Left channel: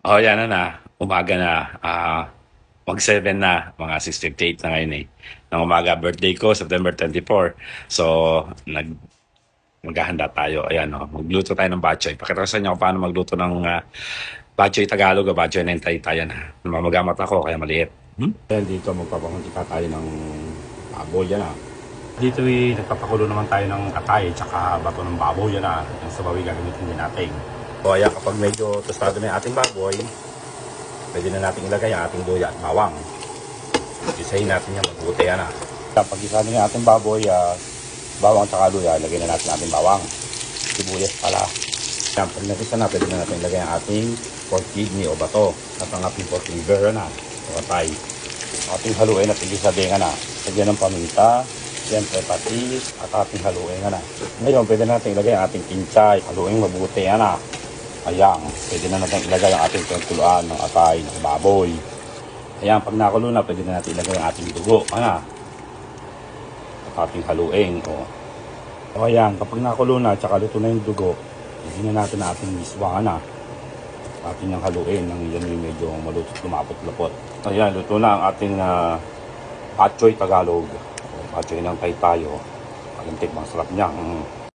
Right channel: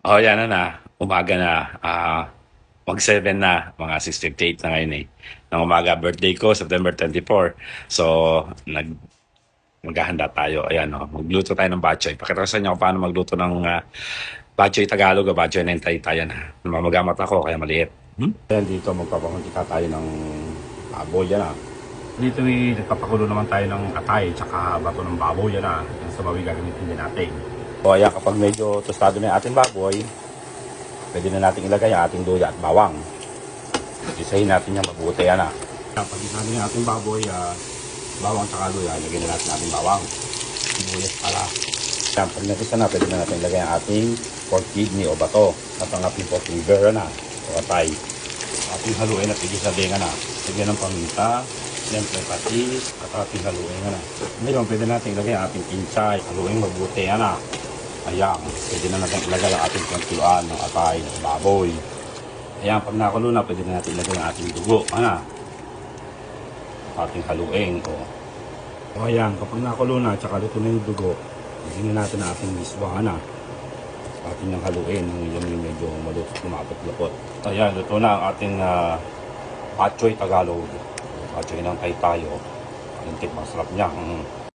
Oh, yan na na. Umaga na. Ah, mag 7 na. Mga 6.58 na ngayon eh. Ng umaga, birthday ko, September 24. So, nag maghahanda tayo. Ayan, oh, magluto tayo ng batchoy. Pakita ko sa inyo paano magluto ng uh, batchoy Tagalog o batchoy na tayo na. Namamagamat ako, kaya maliit. Hmm? Ayan, dito magpapakuntika tayo ng baboy. Yan ah. Dito eh, nagpapakulo naman tayo ng katay tsaka bato ng baboy. Yan ah. Yung sa baboy gagamitin din natin. So, ayan, kapag medyo tostado na yung ating baboy, pwede na natin ilagay ang ating luya at bawang. Isahin natin yan mabuti yan ah. Pag isa yung ating baboy, ah, bawang at luya, ilagay na natin ating bawang. Sibuyas pala. Yan, pag nagisa na, pwede na natin ilagay ang ating pork kidney o bato at ang ating pork liver na o katay. Ating haluin at igisa din na. Lagyan ng paminta, siyempre patis at ating haluin na. Ngayon, pwede natin ilagay ang ating kinchay, haluin mabuti yan na. Ayan, pwede na natin ilagay ang ating tungkulan ng atay ng baboy. Ayan, pag nakulo na, pwede na natin ilagay ang ating dugo. Ano? At ating haluin. O. o ayan, kapag nakulo na, tsaka luto na yung dugo, pwede na natin ating isbang na. Ating yung haluin ng yung medyo malutot lumapot-lapot. Ayan, ito na ang ating uh, Atchoy Tagalog. Atchoy ng tayo. Ang tip, masarap niya. Mm.